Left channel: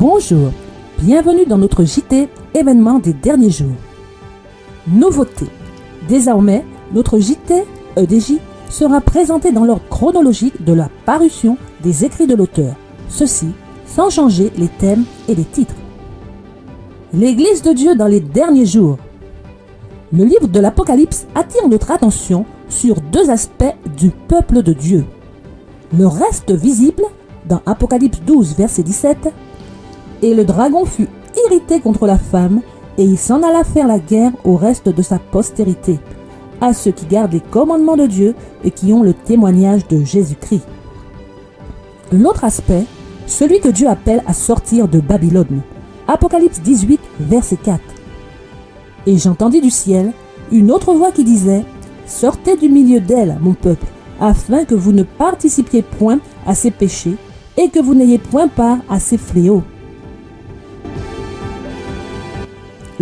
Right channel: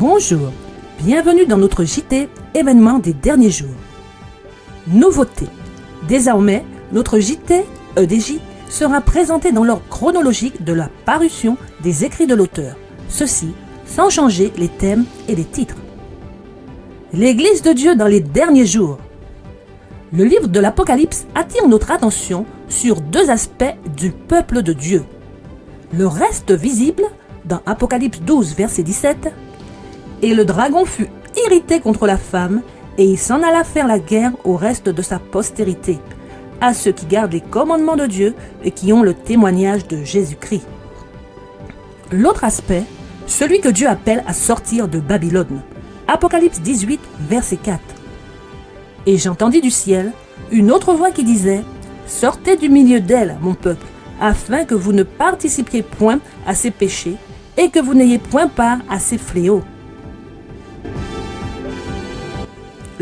Bonjour, bienvenue dans notre JT événement des derniers jours. Nouveauté, désormais notre JT EDJ sera présenté dans l'ordre chronologique de la parution des écrits de l'auteur, ceci sans changer les thèmes et les titres. L'Église de Dieu dans les derniers jours. Le livre de l'Apocalypse attire notre attention sur deux aspects du peuple de Dieu. Le reste visible dans Apocalypse 12, verset 17, et le dragon fut irrité contre la femme, et il s'en alla faire la guerre au reste de sa postérité, à ceux qui gardent les commandements de Dieu et qui ont le témoignage de Jésus-Christ. L'autre aspect, celui que Dieu appelle à sortir de Babylone. Apocalypse 18, verset 4. Et j'entendis du ciel une autre voix qui disait « Sortez du milieu d'elle, mon peuple, afin que vous ne participiez point à ses péchés et que vous n'ayez point part à ses fléaux. »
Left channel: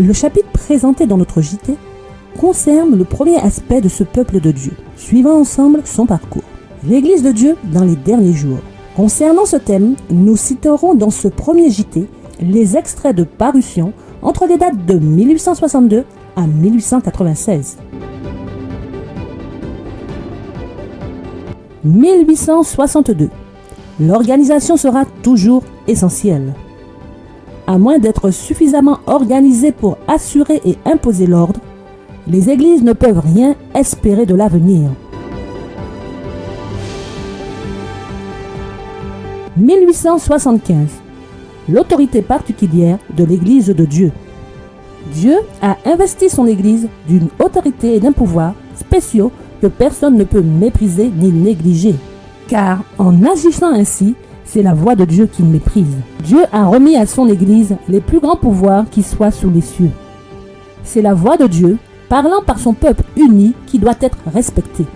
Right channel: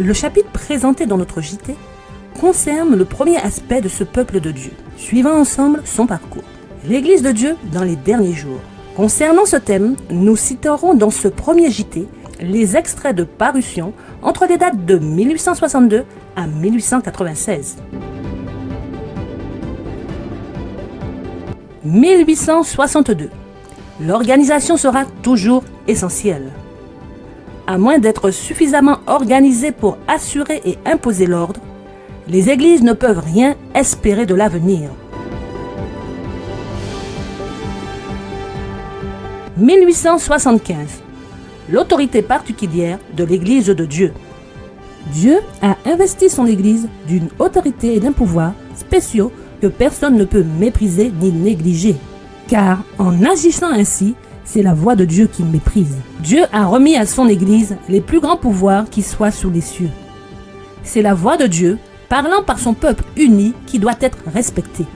Le chapitre présenté dans notre JT concerne le premier aspect de ce peuple de Dieu. Suivons ensemble son parcours. L'Église de Dieu dans les derniers jours. Concernant ce thème, nous citerons dans ce premier JT les extraits de parution entre les dates de 1862 à 1896. 1862. L'organisation sera toujours essentielle. À moins d'être suffisamment organisée pour assurer et imposer l'ordre, les églises ne peuvent rien espérer de l'avenir. 1875. L'autorité particulière de l'Église de Dieu. Dieu a investi son Église d'une autorité et d'un pouvoir spéciaux que personne ne peut mépriser ni négliger. Car en agissant ainsi, c'est la voix de Dieu qu'il méprise. Dieu a remis à son Église les plus grands pouvoirs qui soient sous les cieux. C'est la voix de Dieu, parlant par son peuple uni, qui doit être respectée.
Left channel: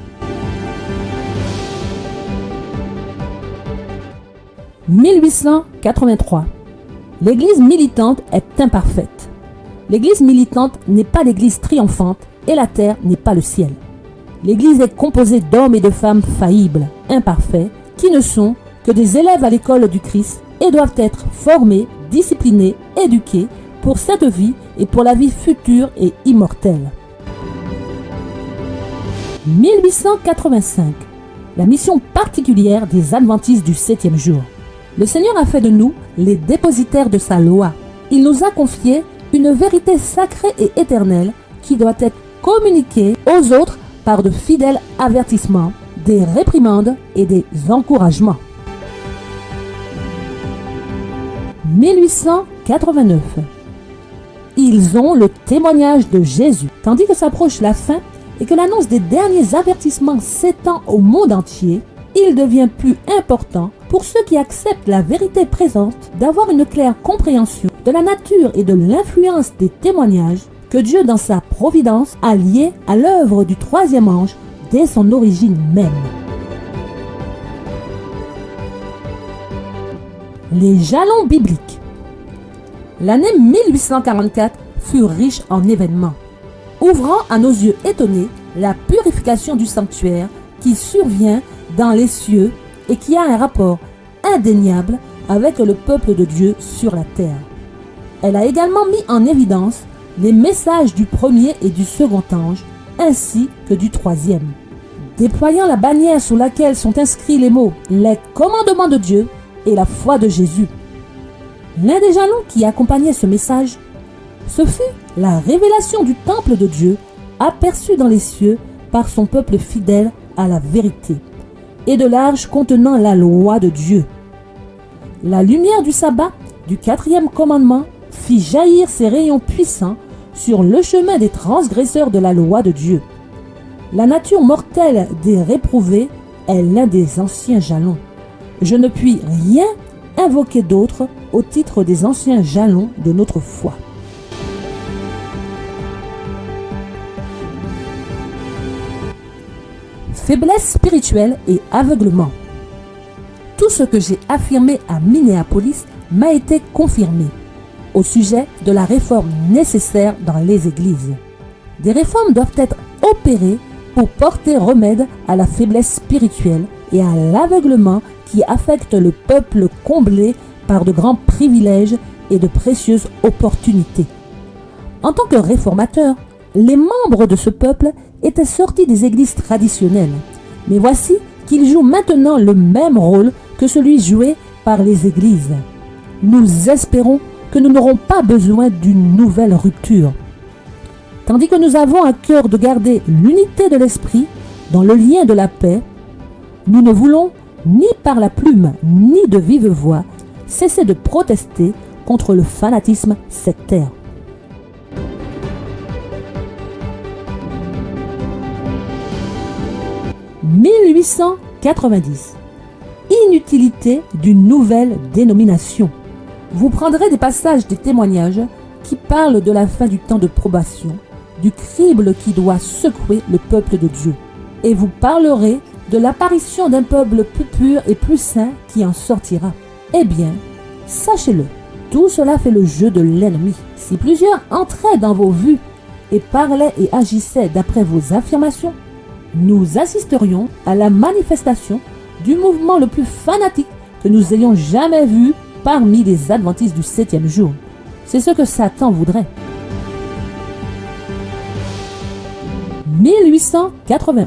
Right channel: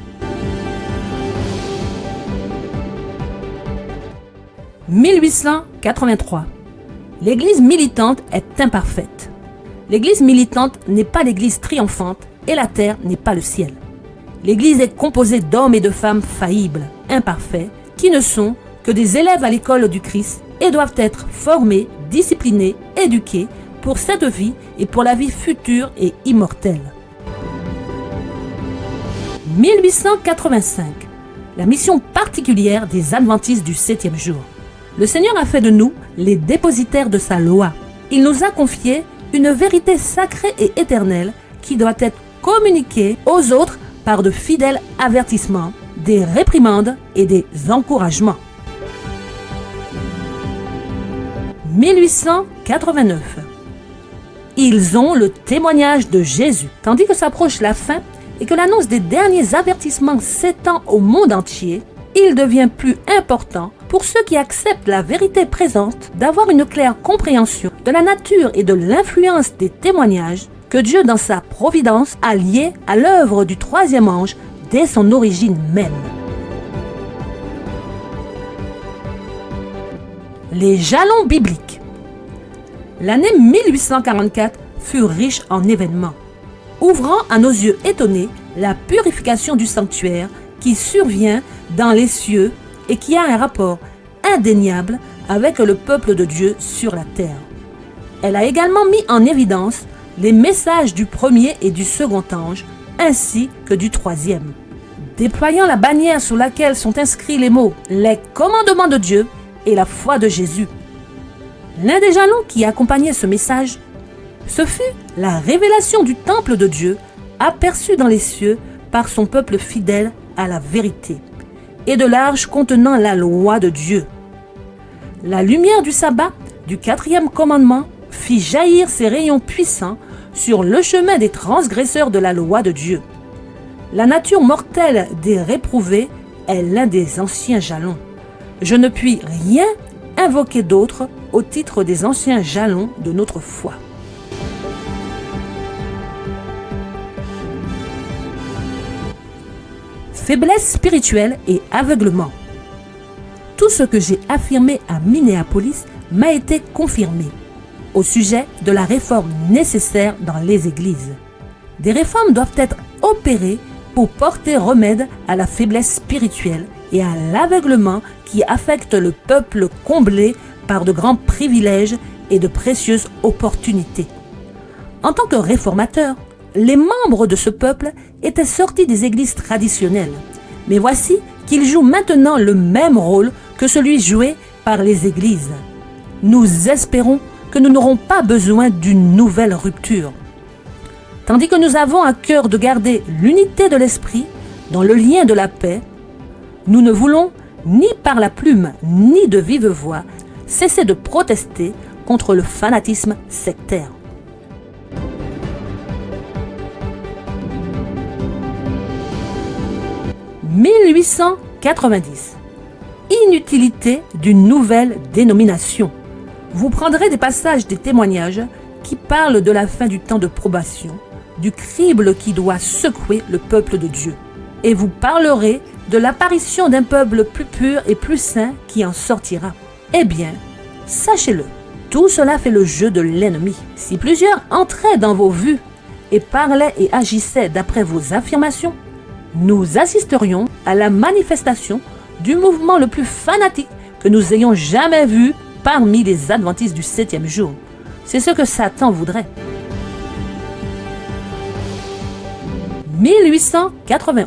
1883. L'Église militante est imparfaite. L'Église militante n'est pas l'Église triomphante et la terre n'est pas le ciel. L'Église est composée d'hommes et de femmes faillibles, imparfaits, qui ne sont que des élèves à l'école du Christ et doivent être formés, disciplinés, éduqués pour cette vie et pour la vie future et immortelle. 1885. La mission particulière des adventistes du 7e jour. Le Seigneur a fait de nous les dépositaires de sa loi. Il nous a confié une vérité sacrée et éternelle qui doit être communiquée aux autres par de fidèles avertissements, des réprimandes et des encouragements. 1889. Ils ont le témoignage de Jésus. Tandis que s'approche la fin et que l'annonce des derniers avertissements s'étend au monde entier, il devient plus important pour ceux qui acceptent la vérité présente d'avoir une claire compréhension de la nature et de l'influence des témoignages que Dieu, dans sa providence, a liés à l'œuvre du troisième ange dès son origine même. Les jalons bibliques. L'année 1844 fut riche en événements, ouvrant à nos yeux étonnés la purification du sanctuaire qui survient dans les cieux et qui a un rapport indéniable avec le peuple de Dieu sur la terre. Elle a également mis en évidence les messages du premier et du second ange, ainsi que du troisième. Déployant la bannière sous laquelle sont inscrits les mots « les commandements de Dieu » et la foi de Jésus. L'un des jalons qui accompagnait ce message, ce fut la révélation du temple de Dieu, aperçu dans les cieux par son peuple fidèle à la vérité, et de l'arche contenant la loi de Dieu. La lumière du sabbat, du 4e commandement, fit jaillir ses rayons puissants sur le chemin des transgresseurs de la loi de Dieu. La nature mortelle des réprouvés est l'un des anciens jalons. Je ne puis rien invoquer d'autre au titre des anciens jalons de notre foi. Faiblesse spirituelle et aveuglement. Tout ce que j'ai affirmé à Minneapolis m'a été confirmé au sujet de la réforme nécessaire dans les églises. Des réformes doivent être opérées pour porter remède à la faiblesse spirituelle et à l'aveuglement qui affecte le peuple comblé par de grands privilèges et de précieuses opportunités. En tant que réformateurs, les membres de ce peuple étaient sortis des églises traditionnelles. Mais voici qu'ils jouent maintenant le même rôle que celui joué par les églises. Nous espérons que nous n'aurons pas besoin d'une nouvelle rupture. Tandis que nous avons à cœur de garder l'unité de l'esprit dans le lien de la paix, nous ne voulons, ni par la plume, ni de vive voix, cesser de protester contre le fanatisme sectaire. « 1890. Inutilité d'une nouvelle dénomination. » Vous prendrez des passages des témoignages qui parlent de la fin du temps de probation, du crible qui doit secouer le peuple de Dieu. Et vous parlerez de l'apparition d'un peuple plus pur et plus saint qui en sortira. Eh bien, sachez-le, tout cela fait le jeu de l'ennemi. Si plusieurs entraient dans vos vues et parlaient et agissaient d'après vos affirmations, nous assisterions à la manifestation du mouvement le plus fanatique que nous ayons jamais vu parmi les adventistes du 7e jour. C'est ce que Satan voudrait. 1891.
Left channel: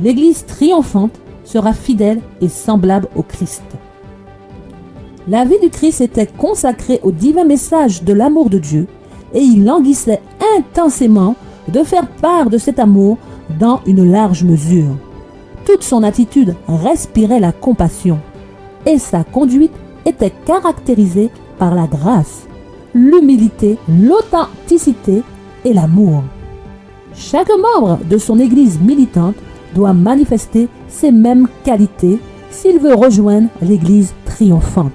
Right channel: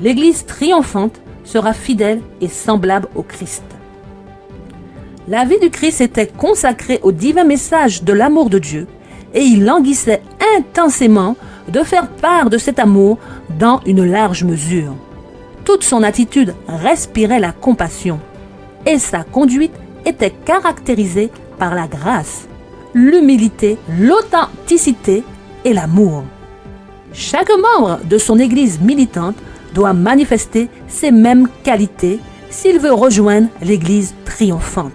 L'Église triomphante sera fidèle et semblable au Christ. La vie du Christ était consacrée au divin message de l'amour de Dieu et il languissait intensément de faire part de cet amour dans une large mesure. Toute son attitude respirait la compassion et sa conduite était caractérisée par la grâce, l'humilité, l'authenticité et l'amour. Chaque membre de son Église militante doit manifester ces mêmes qualités s'il veut rejoindre l'Église triomphante.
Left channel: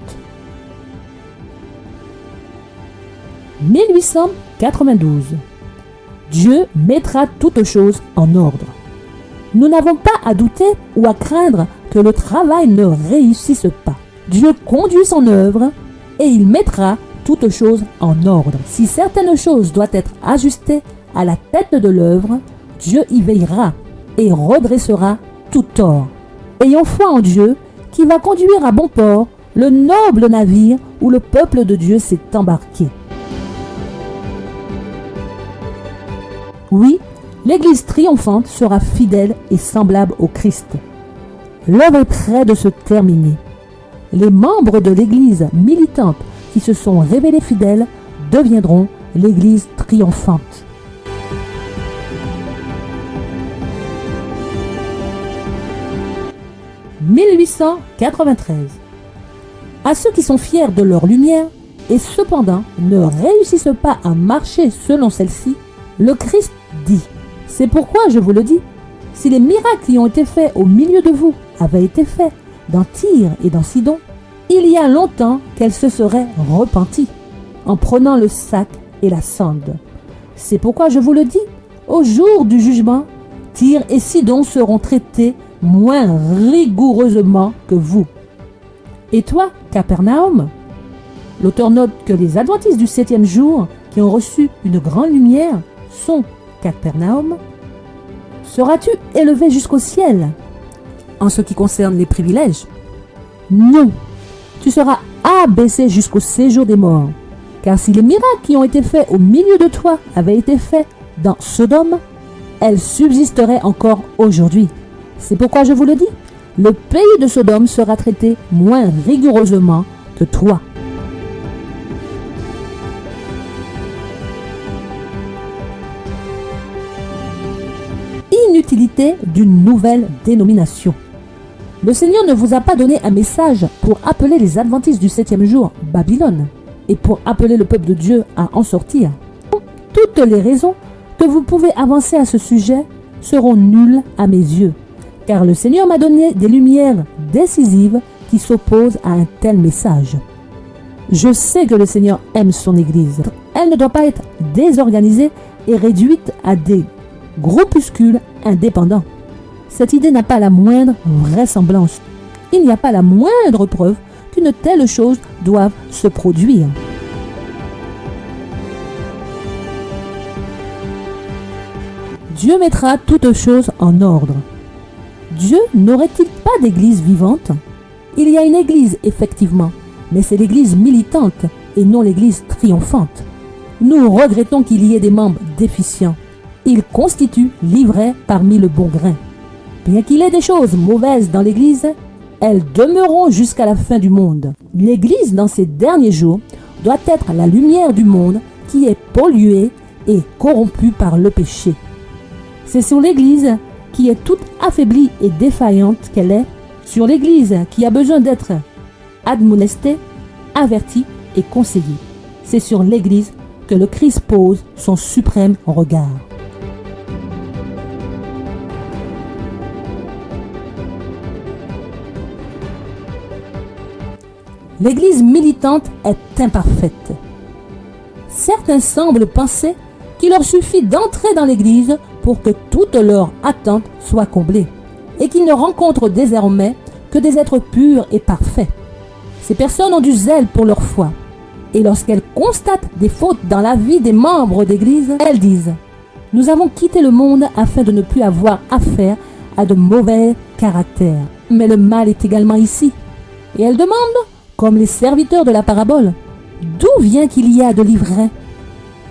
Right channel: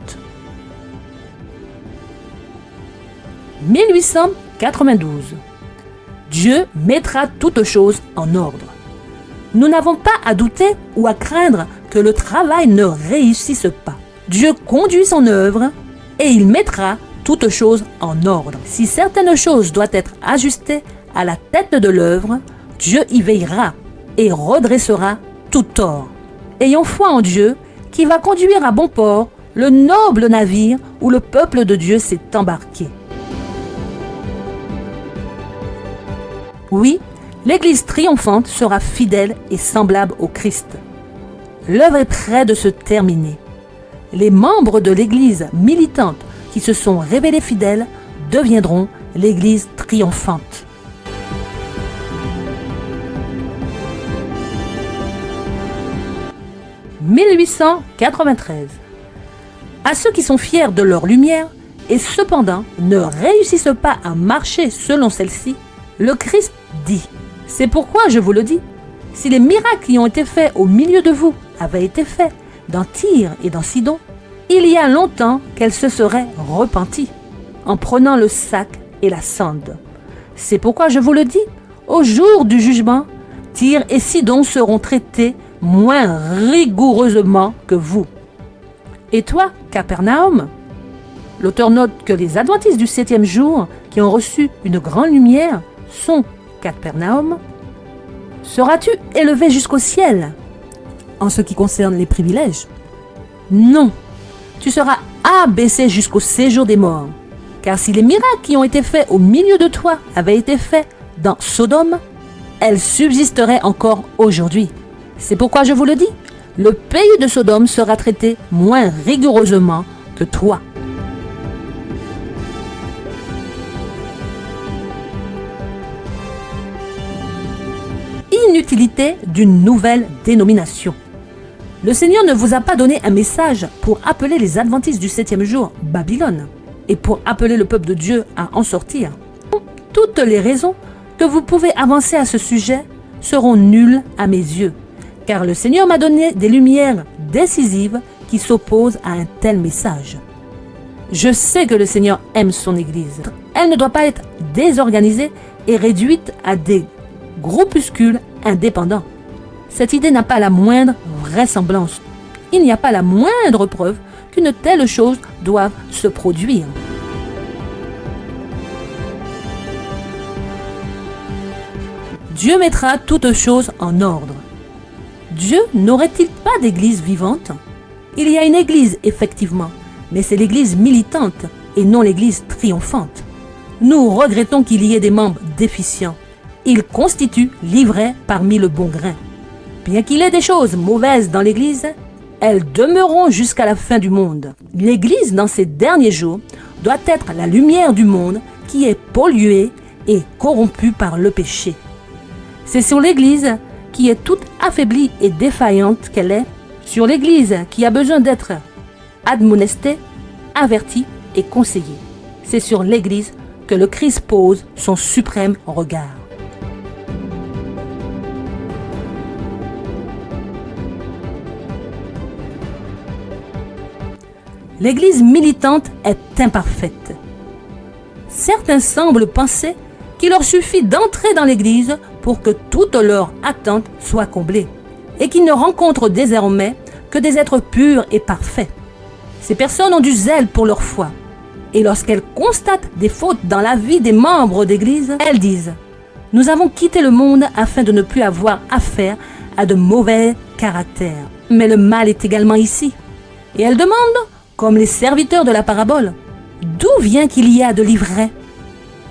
1892. Dieu mettra toutes choses en ordre. Nous n'avons pas à douter ou à craindre que le travail ne réussisse pas. Dieu conduit son œuvre et il mettra toutes choses en ordre. Si certaines choses doivent être ajustées à la tête de l'œuvre, Dieu y veillera et redressera tout tort. Ayons foi en Dieu qui va conduire à bon port le noble navire où le peuple de Dieu s'est embarqué. Oui, l'Église triomphante sera fidèle et semblable au Christ. L'œuvre est près de se terminer. Les membres de l'Église militante qui se sont révélés fidèles deviendront l'Église triomphante. « 1893. À ceux qui sont fiers de leur lumière et cependant ne réussissent pas à marcher selon celle-ci, le Christ dit, c'est pourquoi je vous le dis, si les miracles qui ont été faits au milieu de vous avaient été faits dans Tyr et dans Sidon, il y a longtemps qu'elle se serait repentie en prenant le sac et la cendre. C'est pourquoi je vous le dis, au jour du jugement, Tyr et Sidon seront traités moins rigoureusement que vous. Et toi, Capernaum? L'auteur note que les adventistes du 7e jour qui ont reçu une grande lumière sont Capernaum. Seras-tu élevé jusqu'au ciel en ce qui concerne les privilèges? Non, tu seras abaissé jusqu'au séjour des morts. Car si les miracles qui ont été faits au milieu de toi avaient été faits dans Sodome, elles subsisteraient encore aujourd'hui. C'est pourquoi je vous le dis, le pays de Sodome sera traité moins rigoureusement que toi. Inutilité d'une nouvelle dénomination. Le Seigneur ne vous a pas donné un message pour appeler les adventistes du 7e jour Babylone et pour appeler le peuple de Dieu à en sortir. Toutes les raisons que vous pouvez avancer à ce sujet seront nulles à mes yeux, car le Seigneur m'a donné des lumières décisives qui s'opposent à un tel message. Je sais que le Seigneur aime son Église. Elle ne doit pas être désorganisée et réduite à des groupuscules indépendants. Cette idée n'a pas la moindre vraisemblance. Il n'y a pas la moindre preuve qu'une telle chose doive se produire. Dieu mettra toutes choses en ordre. Dieu n'aurait-il pas d'église vivante? Il y a une église, effectivement, mais c'est l'Église militante et non l'Église triomphante. Nous regrettons qu'il y ait des membres déficients. Ils constituent l'ivraie parmi le bon grain. Bien qu'il y ait des choses mauvaises dans l'Église, elles demeureront jusqu'à la fin du monde. L'Église, dans ces derniers jours, doit être la lumière du monde qui est polluée et corrompue par le péché. C'est sur l'Église qui est toute affaiblie et défaillante qu'elle est, sur l'Église qui a besoin d'être admonestée, avertie et conseillée. C'est sur l'Église que le Christ pose son suprême regard. L'Église militante est imparfaite. Certains semblent penser qu'il leur suffit d'entrer dans l'Église pour que toutes leurs attentes soient comblées et qu'ils ne rencontrent désormais que des êtres purs et parfaits. Ces personnes ont du zèle pour leur foi et lorsqu'elles constatent des fautes dans la vie des membres d'Église, elles disent « Nous avons quitté le monde afin de ne plus avoir affaire à de mauvais caractères. » Mais le mal est également ici. Et elles demandent, comme les serviteurs de la parabole, d'où vient qu'il y a de l'ivraie?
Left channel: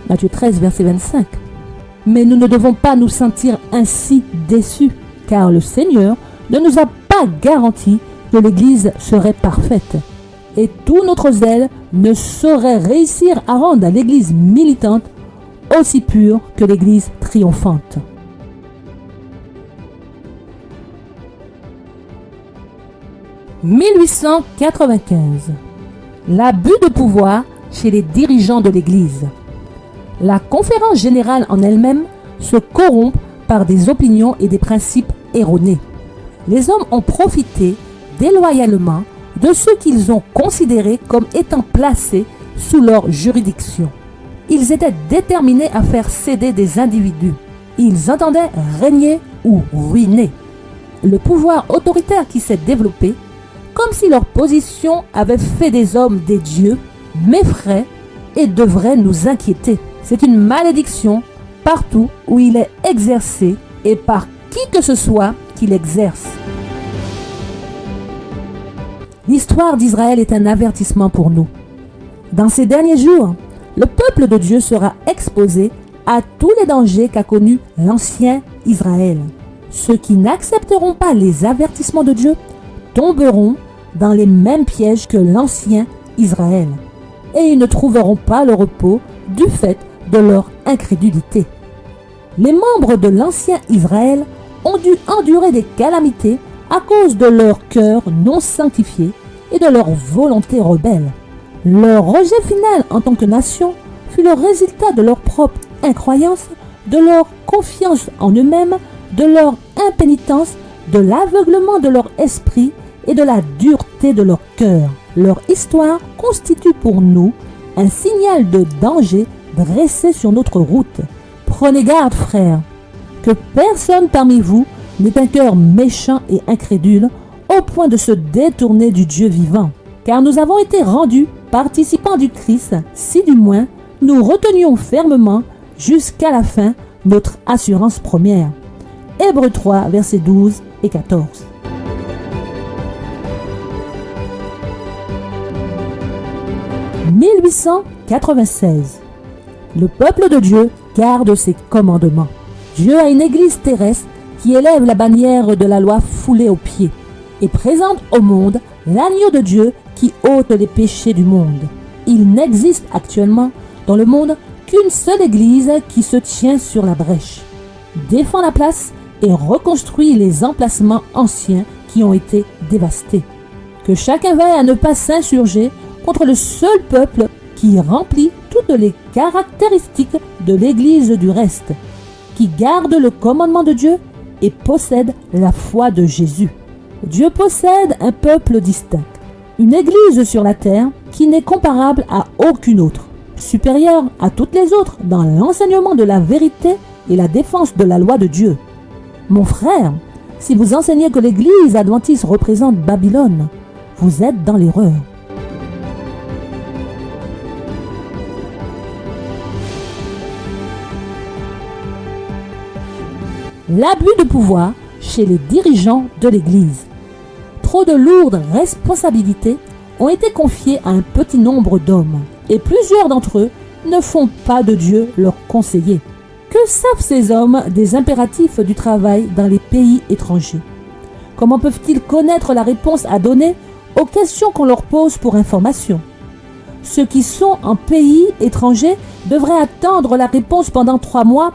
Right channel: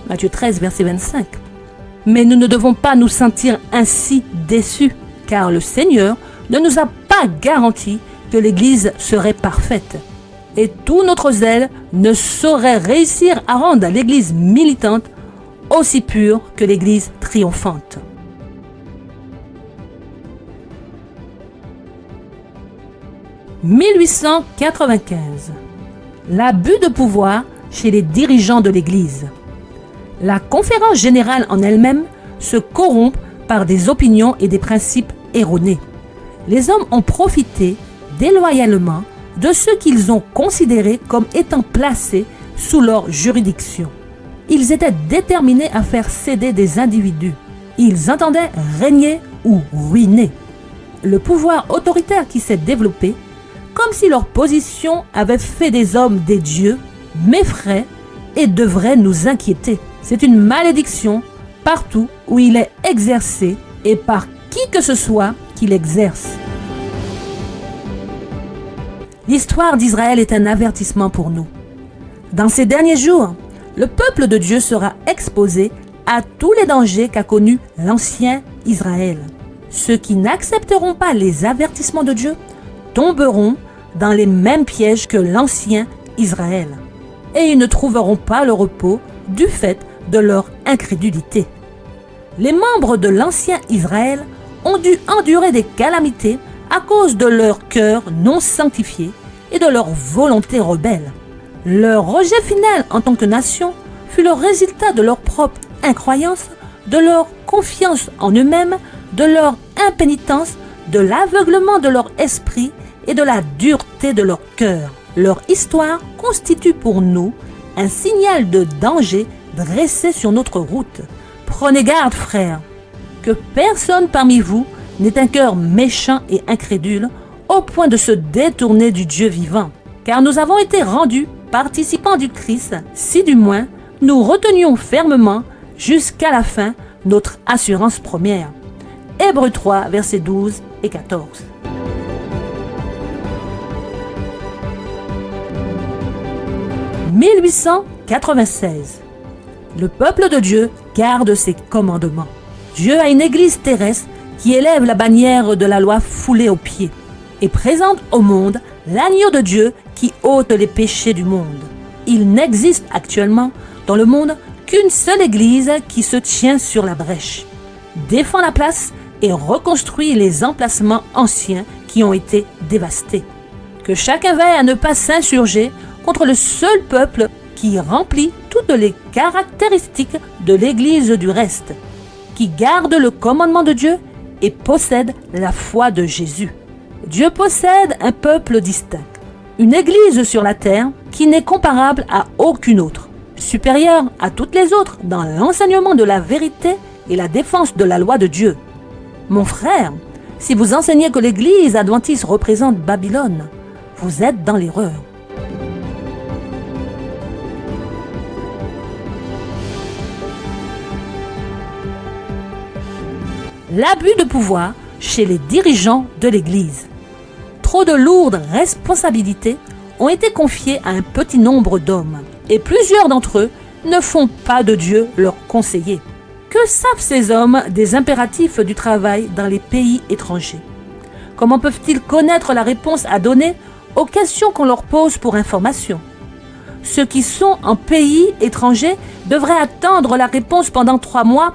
Matthieu 13, verset 25. Mais nous ne devons pas nous sentir ainsi déçus, car le Seigneur ne nous a pas garanti que l'Église serait parfaite. Et tout notre zèle ne saurait réussir à rendre l'Église militante aussi pure que l'Église triomphante. « 1895. L'abus de pouvoir chez les dirigeants de l'Église. La conférence générale en elle-même se corrompt par des opinions et des principes erronés. Les hommes ont profité déloyalement de ceux qu'ils ont considérés comme étant placés sous leur juridiction. Ils étaient déterminés à faire céder des individus. Ils entendaient régner ou ruiner. Le pouvoir autoritaire qui s'est développé, comme si leur position avait fait des hommes des dieux, m'effraie et devrait nous inquiéter. C'est une malédiction partout où il est exercé et par qui que ce soit qui l'exerce. L'histoire d'Israël est un avertissement pour nous. Dans ces derniers jours, le peuple de Dieu sera exposé à tous les dangers qu'a connus l'ancien Israël. Ceux qui n'accepteront pas les avertissements de Dieu tomberont dans les mêmes pièges que l'ancien Israël. Et ils ne trouveront pas le repos du fait de leur incrédulité. Les membres de l'ancien Israël ont dû endurer des calamités à cause de leur cœur non sanctifié et de leur volonté rebelle. Leur rejet final en tant que nation fut le résultat de leur propre incroyance, de leur confiance en eux-mêmes, de leur impénitence, de l'aveuglement de leur esprit et de la dureté de leur cœur. Leur histoire constitue pour nous un signal de danger dressé sur notre route. Prenez garde, frères, que personne parmi vous n'ait un cœur méchant et incrédule au point de se détourner du Dieu vivant. Car nous avons été rendus participants du Christ, si du moins nous retenions fermement jusqu'à la fin notre assurance première. Hébreux 3, versets 12 et 14. « 1896. Le peuple de Dieu garde ses commandements. Dieu a une église terrestre qui élève la bannière de la loi foulée aux pieds et présente au monde l'agneau de Dieu qui ôte les péchés du monde. Il n'existe actuellement dans le monde qu'une seule église qui se tient sur la brèche, défend la place et reconstruit les emplacements anciens qui ont été dévastés. Que chacun veille à ne pas s'insurger contre le seul peuple qui remplit toutes les caractéristiques de l'Église du reste, qui garde le commandement de Dieu et possède la foi de Jésus. Dieu possède un peuple distinct, une Église sur la terre qui n'est comparable à aucune autre, supérieure à toutes les autres dans l'enseignement de la vérité et la défense de la loi de Dieu. Mon frère, si vous enseignez que l'Église adventiste représente Babylone, vous êtes dans l'erreur. L'abus de pouvoir chez les dirigeants de l'Église. Trop de lourdes responsabilités ont été confiés à un petit nombre d'hommes, et plusieurs d'entre eux ne font pas de Dieu leur conseiller. Que savent ces hommes des impératifs du travail dans les pays étrangers? Comment peuvent-ils connaître la réponse à donner aux questions qu'on leur pose pour information? Ceux qui sont en pays étranger devraient attendre la réponse pendant 3 mois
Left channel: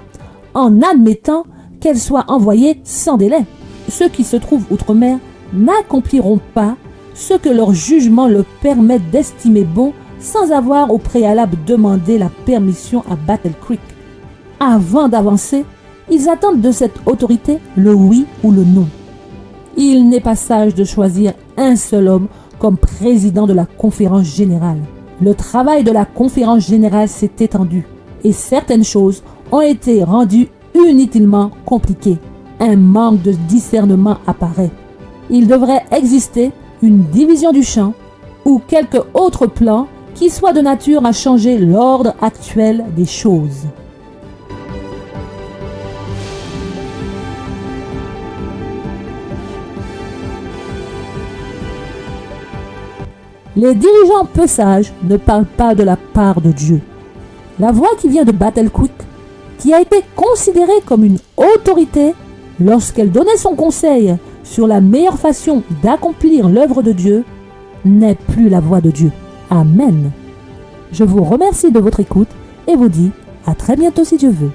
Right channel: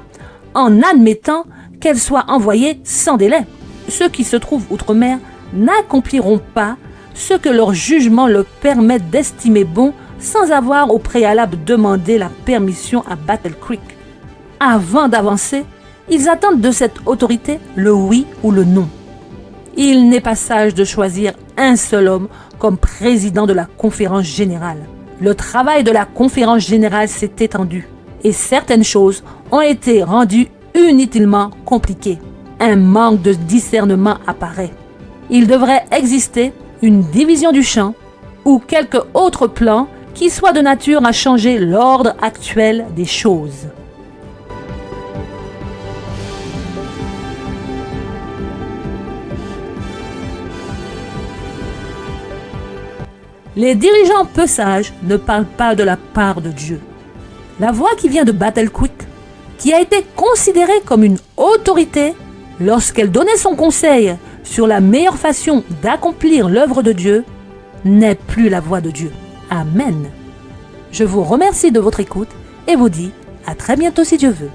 en admettant qu'elle soit envoyée sans délai. Ceux qui se trouvent outre-mer n'accompliront pas ce que leur jugement leur permet d'estimer bon sans avoir au préalable demandé la permission à Battle Creek. Avant d'avancer, ils attendent de cette autorité le oui ou le non. Il n'est pas sage de choisir un seul homme comme président de la conférence générale. Le travail de la conférence générale s'est étendu et certaines choses ont été rendues inutilement compliquées. Un manque de discernement apparaît. Il devrait exister une division du champ ou quelque autre plan qui soit de nature à changer l'ordre actuel des choses. Les dirigeants peu sages ne parlent pas de la part de Dieu. La voix qui vient de Battle Creek, qui a été considérée comme une autorité lorsqu'elle donnait son conseil sur la meilleure façon d'accomplir l'œuvre de Dieu, n'est plus la voix de Dieu. Amen. Je vous remercie de votre écoute et vous dis à très bientôt si Dieu veut.